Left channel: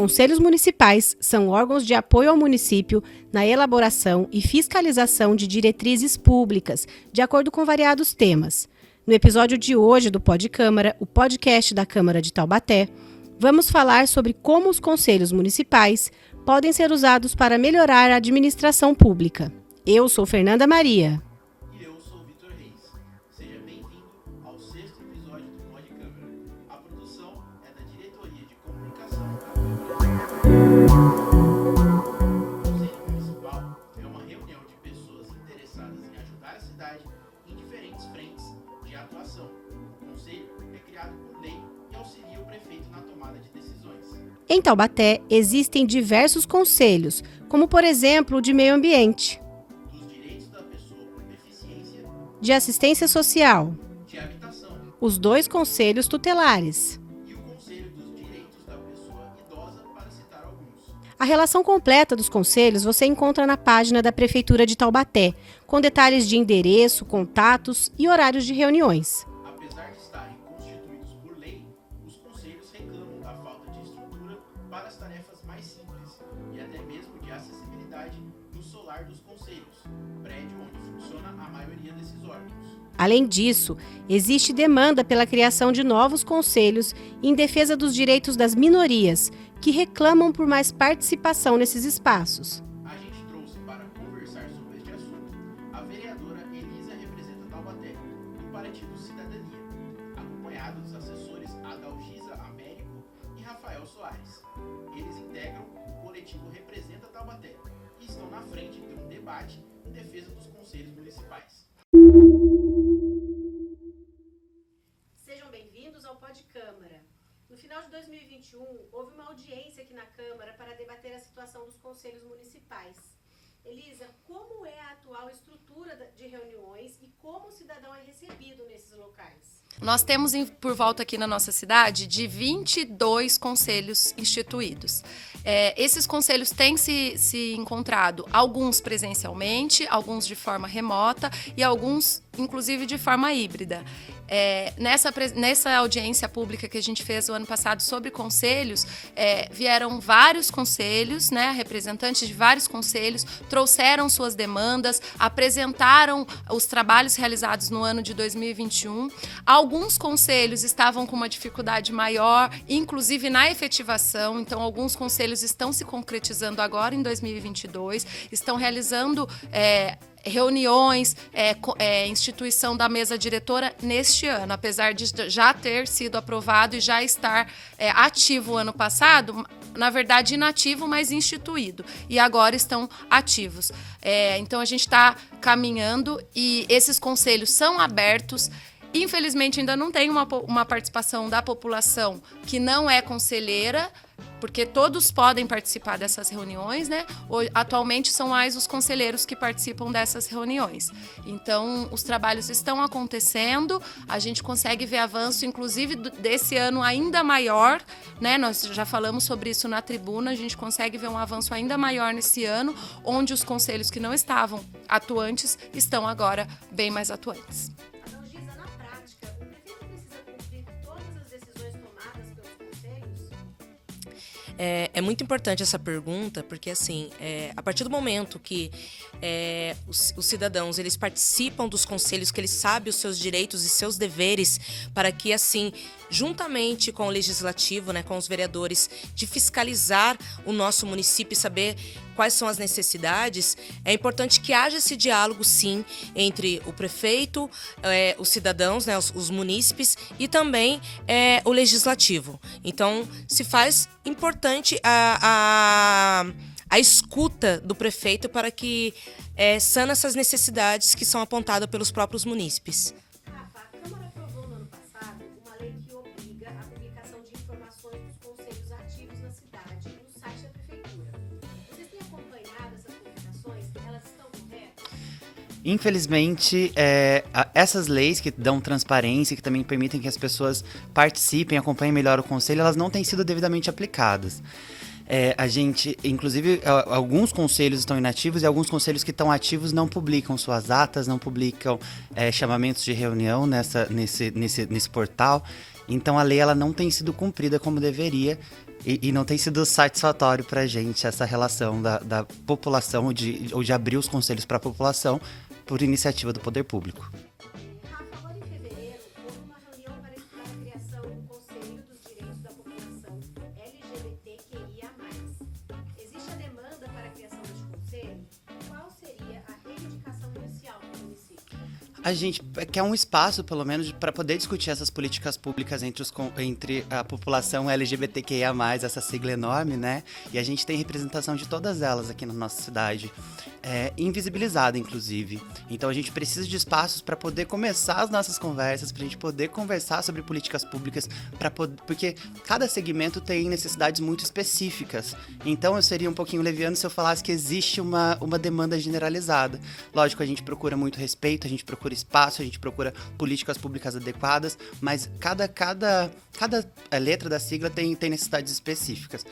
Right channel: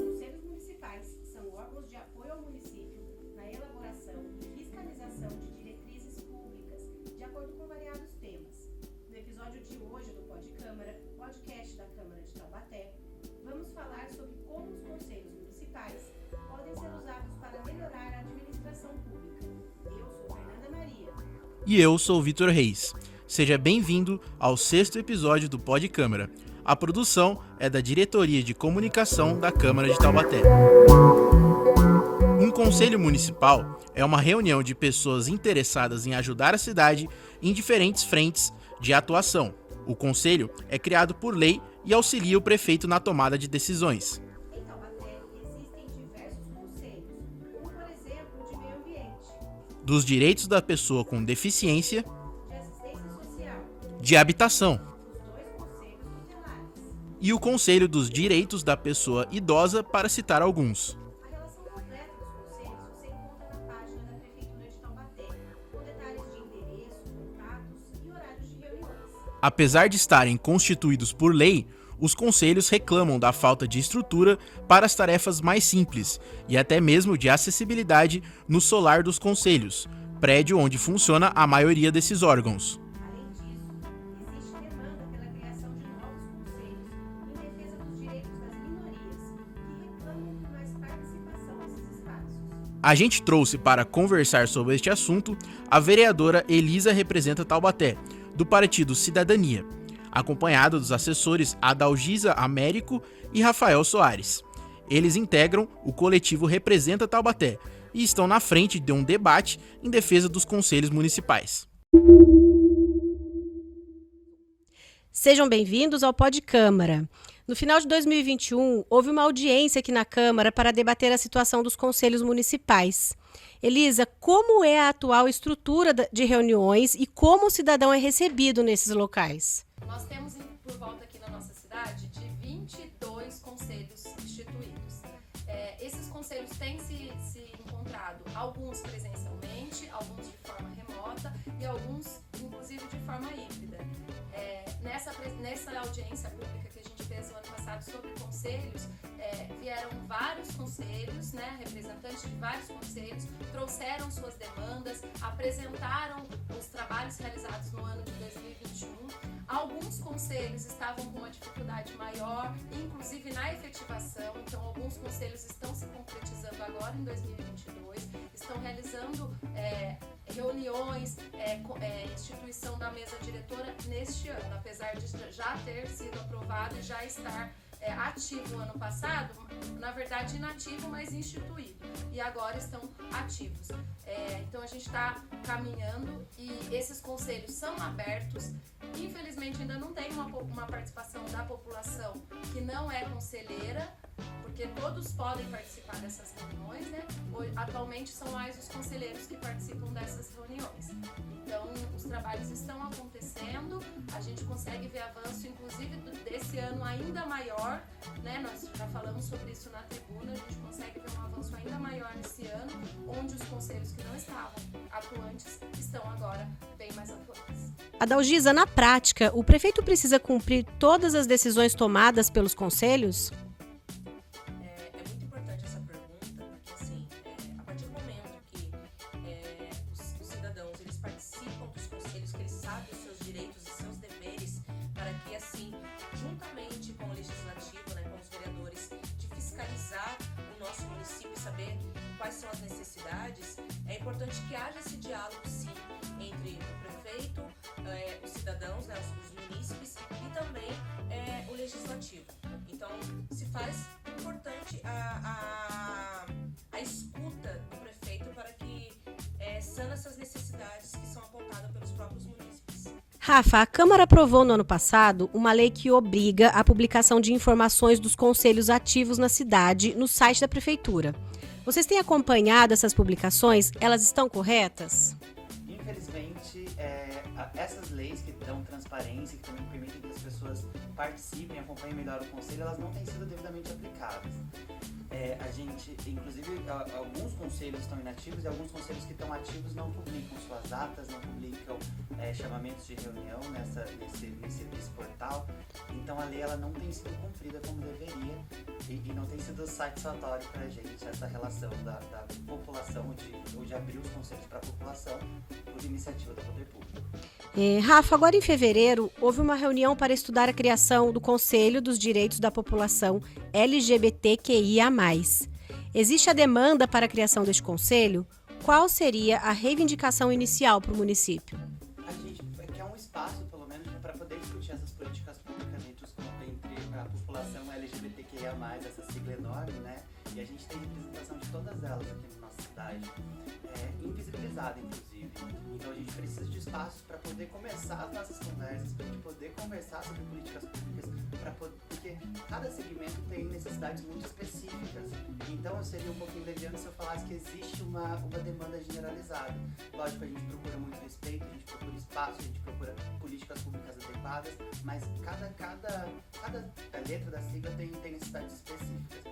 conselhos municipais são órgãos de apoio ao município na elaboração e fiscalização de diretrizes públicas, de acordo com variados temas. No episódio de hoje do Pod Câmara, o podcast da Câmara de Taubaté, vamos falar sobre como os conselhos municipais podem ser usados para melhorar a administração pública. Eu sou Fernanda Maria. E eu sou Vitor Reis. Seja bem-vindo ao 6º episódio do Pod Câmara. A produção é da Diretoria de Comunicação da Câmara de Taubaté. Um conselho municipal é uma reunião de pessoas interessadas em ajudar a cidade em diferentes frentes de atuação. O conselho é criado por lei e auxilia o prefeito na tomada de decisões. Em Taubaté, existem diversos conselhos, como por exemplo o de meio ambiente, Dos direitos da pessoa com deficiência, de assistência social, de habitação os 2 conselhos tutelares. e o Conselho dos Direitos da Pessoa Idosa, para citar alguns. A relação completa dos conselhos você encontra na página da Prefeitura de Taubaté, com detalhes de endereço, contatos e horários de reuniões. Apesar de estarem constituídos por lei, os conselhos reclamam da falta de estrutura para as tarefas mais simples e até mesmo de acessibilidade no solar dos conselhos, prédio onde funciona a maioria desses órgãos. Além disso, existe demanda pela criação de novos conselhos em defesa dos direitos das minorias, que reclamam por mais participação nesses espaços. A gente trouxe para conversar sobre este assunto a vereadora Elisa Representa Taubaté, do Partido Cidadania, acompanhada dos assessores Adalgisa Américo e Rafael Soares. Eles integram o coletivo Representa Taubaté e estão na frente de um debate em defesa dos conselhos municipais. Sejam bem-vindos ao Pod Câmara. No final de 2021, houve uma audiência aqui na Câmara para debater a situação dos conselhos municipais. Elisa, como é a atual estrutura de reuniões e como o cidadão é recebido nesses locais? Nós temos por volta aqui na nossa cidade de 22 conselhos instituídos. Esses conselhos têm se encontrado, alguns presencialmente, alguns de forma remota e alguns, inclusive, de forma híbrida. Nessa audiência pública que a gente fez o ano passado sobre conselhos, vieram vários conselhos, né, representantes de vários conselhos, trouxeram suas demandas, apresentaram os trabalhos realizados no ano de 2021. Alguns conselhos estavam com uma dificuldade maior, inclusive na efetivação, então alguns conselhos estão se concretizando agora em 2022, estão realizando reuniões, instituição da mesa diretora neste ano, apesar de já ter sido aprovado e já estar ativo ano passado, na verdade inativo, mas instituído, e agora estão ativos. Então a gente está caminhando e esses conselhos são abertos. Infelizmente ainda não tem uma participação da população que não é conselheira, porque todos podem participar dessas reuniões, né? Atualmente são mais os conselheiros que participam dessas reuniões. Então, os trabalhos estão acontecendo, a gente consegue ver avanço, inclusive desse ano ainda maior, né? Nós já falamos sobre isso na tribuna, a gente consegue ver um avanço ainda maior nesse ano, onde os conselhos que não estavam atuantes estão agora bem mais atuantes. Adalgisa, na prática, o prefeito precisa cumprir todas as decisões tomadas pelos conselhos? É muito importante essa pergunta, porque assim, a partir do momento que os cidadãos eles participam dos conselhos, que eles sabem os seus direitos e seus deveres, para que assim, juntamente com o legislativo, né, com os vereadores, de fiscalizar o nosso município e saber quais são as necessidades, é importante que haja esse diálogo, sim, entre o prefeito, os cidadãos, né, os munícipes e também o legislativo. Então, se faz importante a escuta do prefeito para que sane essas necessidades que são apontadas pelos próprios munícipes. Rafa, a Câmara aprovou no ano passado uma lei que obriga a publicação de informações dos conselhos ativos na cidade no site da Prefeitura. Vocês têm acompanhado essas publicações? Elas estão corretas? Infelizmente, essas leis que dão transparência, que também permitem que as pessoas participem, acompanhem melhor o conselho, elas não têm sido devidamente aplicadas. A gente, inclusive, alguns conselhos estão inativos e alguns conselhos que estão ativos não publicam suas atas, não publicam chamamentos de reunião nesse portal. Então a lei ela não tem sido cumprida como deveria e não tem sido satisfatório para a gente essa relação da população ou de abrir os conselhos para a população por iniciativa do poder público. Rafa, agora em fevereiro, houve uma reunião para estudar a criação do Conselho dos Direitos da População LGBTQIA+. Existe a demanda para a criação deste conselho? Qual seria a reivindicação inicial para o município? A gente quer um espaço, pelo menos, para poder discutir essas políticas públicas entre a população LGBTQIA+, essa sigla enorme, né? E a gente tem representação de todas elas aqui na nossa cidade, invisibilizada, inclusive. Então a gente precisa de espaços para poder começar as nossas conversas, para a gente poder conversar sobre políticas públicas, porque cada segmento tem necessidades muito específicas. Então eu seria um pouquinho leviano se eu falasse que existe uma demanda generalizada. Lógico, a gente procura muito respeito, a gente procura espaço, a gente procura políticas públicas adequadas, mas cada letra da sigla tem necessidades específicas.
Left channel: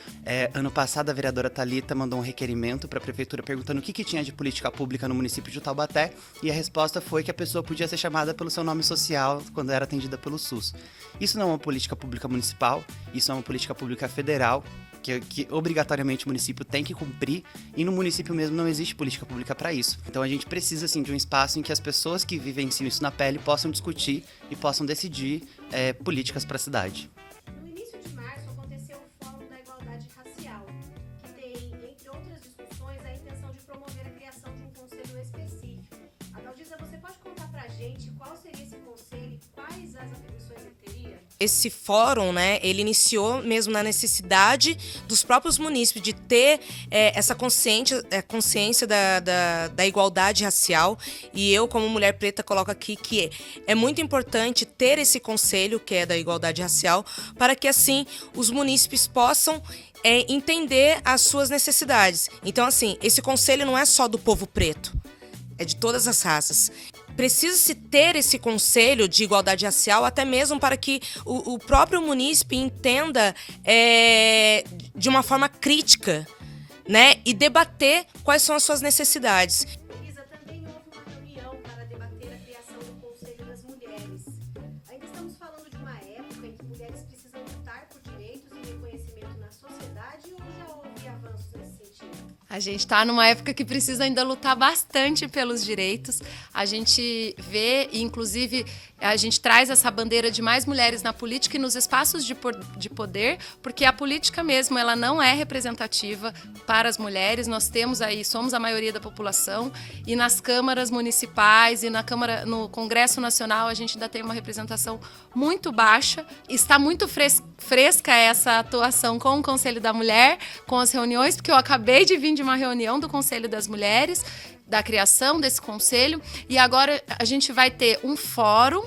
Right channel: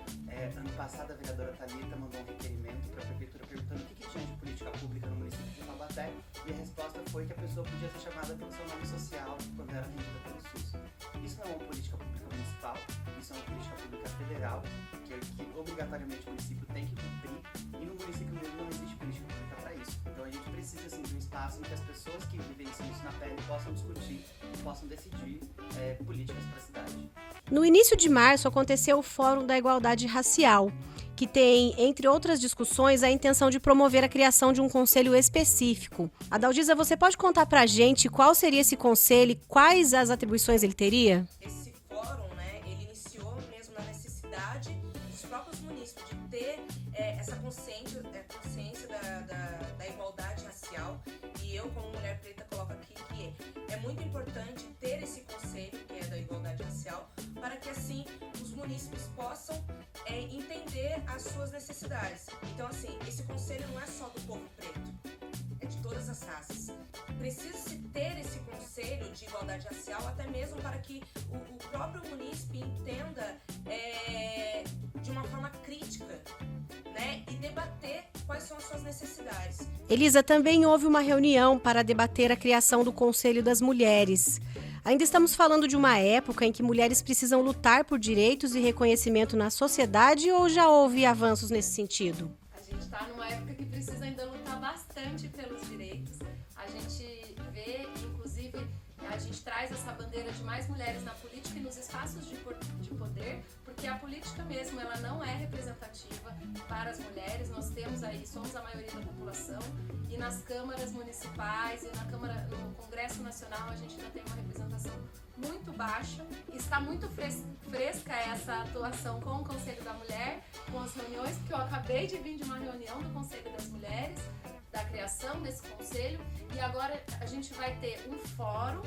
Ano passado, a vereadora Thalita mandou um requerimento para a prefeitura perguntando o que tinha de política pública no município de Taubaté, e a resposta foi que a pessoa podia ser chamada pelo seu nome social quando era atendida pelo SUS. Isso não é uma política pública municipal, isso é uma política pública federal, que obrigatoriamente o município tem que cumprir, e no município mesmo não existe política pública para isso. Então a gente precisa, assim, de um espaço em que as pessoas que vivenciam isso na pele possam discutir e possam decidir políticas para a cidade. No início de março aconteceu o Fórum da Igualdade Racial, que tem, entre outras discussões, a intenção de promover a criação de um conselho específico. Adalgisa, você pode contar pra gente qual seria esse conselho e quais as atribuições ele teria? Esse fórum, né, ele iniciou mesmo na necessidade dos próprios munícipes de ter essa consciência da igualdade racial, e eu, como mulher preta, coloco aqui que é muito importante ter esse conselho, que é da igualdade racial, para que assim os munícipes possam entender as suas necessidades. Então, assim, esse conselho não é só do povo preto, é de todas as raças. Precisa-se ter esse conselho de igualdade racial até mesmo para que o próprio munícipe entenda de uma forma crítica, né, e debater quais são as suas necessidades. Elisa, também houve uma reunião para debater a criação do Conselho das Mulheres. Ainda estamos falando de uma época em que mulheres precisam lutar por direitos e reconhecimento na sociedade, ou já houve avanços nesse sentido? A gente está numa época que precisa ainda lutar bastante pelos direitos. A gente vê, inclusive, a gente traz essa bandeira de mais mulheres na política e nos espaços de poder, porque a política mesmo, ela não é representativa para as mulheres. Nós temos aí, somos a maioria da população, e nas câmaras municipais e no Congresso Nacional a gente ainda tem uma representação muito baixa. Está muito fresca essa atuação com o Conselho da Mulher, com as reuniões, porque eu acabei de vir de uma reunião do Conselho das Mulheres, da criação desse conselho, e agora a gente vai ter um fórum.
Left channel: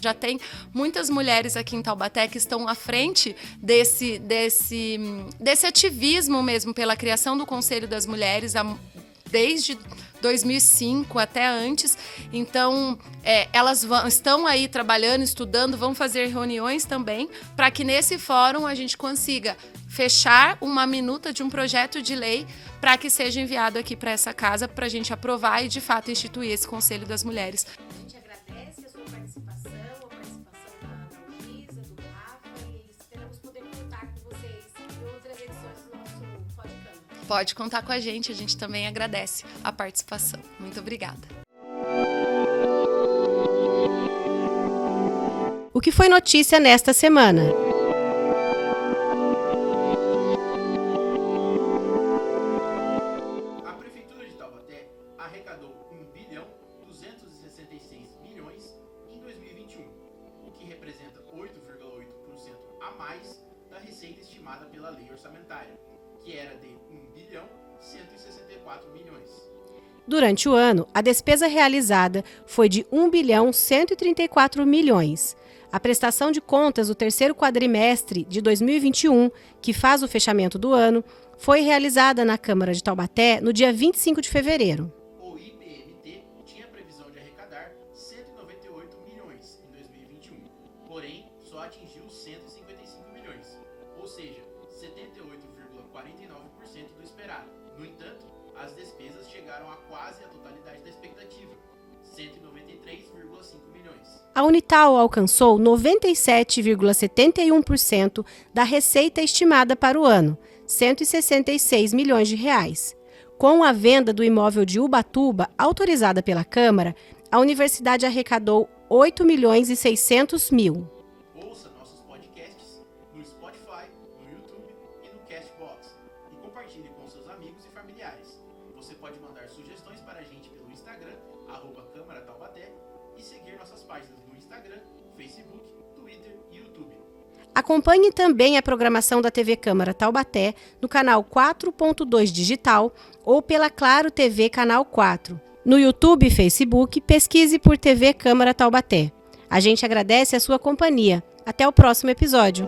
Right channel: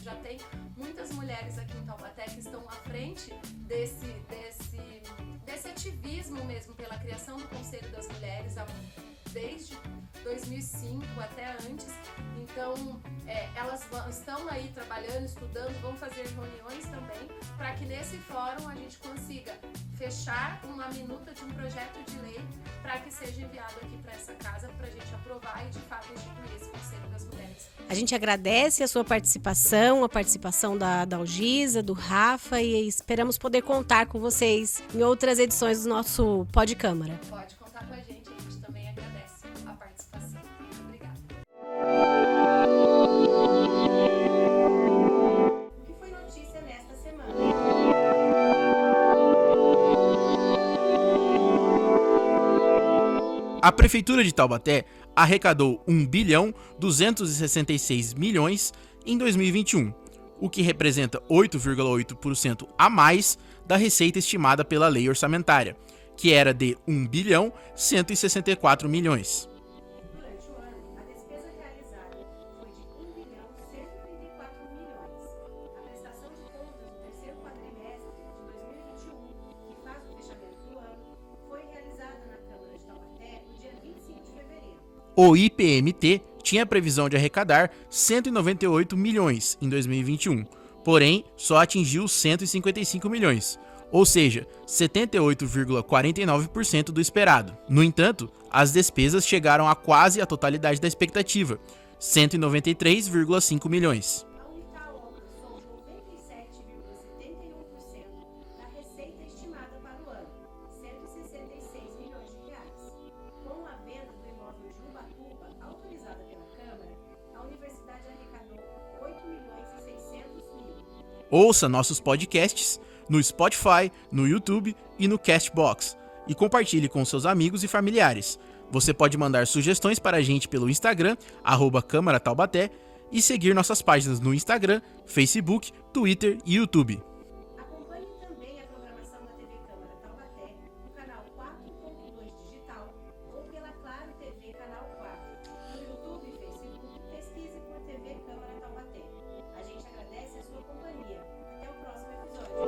Já tem muitas mulheres aqui em Taubaté que estão à frente desse ativismo mesmo pela criação do Conselho das Mulheres desde 2005 até antes. Então, elas estão aí trabalhando, estudando, vão fazer reuniões também, para que nesse fórum a gente consiga fechar uma minuta de um projeto de lei para que seja enviado aqui para essa casa, para a gente aprovar e, de fato, instituir esse Conselho das Mulheres. A gente agradece a sua participação, a participação da Adalgisa, do Rafa, e esperamos poder contar com vocês em outras edições do nosso Pod Câmara. Pode contar com a gente também agradece a participação. Muito obrigada. O que foi notícia nesta semana? A Prefeitura de Taubaté arrecadou 1.266 milhões em 2021, o que representa 8,8% a mais da receita estimada pela lei orçamentária, que era de 1.164 milhões. Durante o ano, a despesa realizada foi de 1.134 milhões. A prestação de contas do terceiro quadrimestre de 2021, que faz o fechamento do ano, foi realizada na Câmara de Taubaté no dia 25 de fevereiro. O IPMT tinha previsão de arrecadar 198 milhões em 2021, porém só atingiu 155 milhões, ou seja, 78,49% do esperado. No entanto, as despesas chegaram a quase a totalidade da expectativa, 193,5 milhões. A Unital alcançou 97,71% da receita estimada para o ano, 166 milhões de reais. Com a venda do imóvel de Ubatuba, autorizada pela Câmara, a universidade arrecadou 8 milhões e 600 mil. Ouça nossos podcasts no Spotify, no YouTube e no Castbox e compartilhe com seus amigos e familiares. Você pode mandar sugestões para a gente pelo Instagram, @Câmara Taubaté, e seguir nossas páginas no Instagram, Facebook, Twitter e YouTube. Acompanhe também a programação da TV Câmara Taubaté no canal 4.2 Digital ou pela Claro TV Canal 4. No YouTube e Facebook, pesquise por TV Câmara Taubaté. A gente agradece a sua companhia. Até o próximo episódio.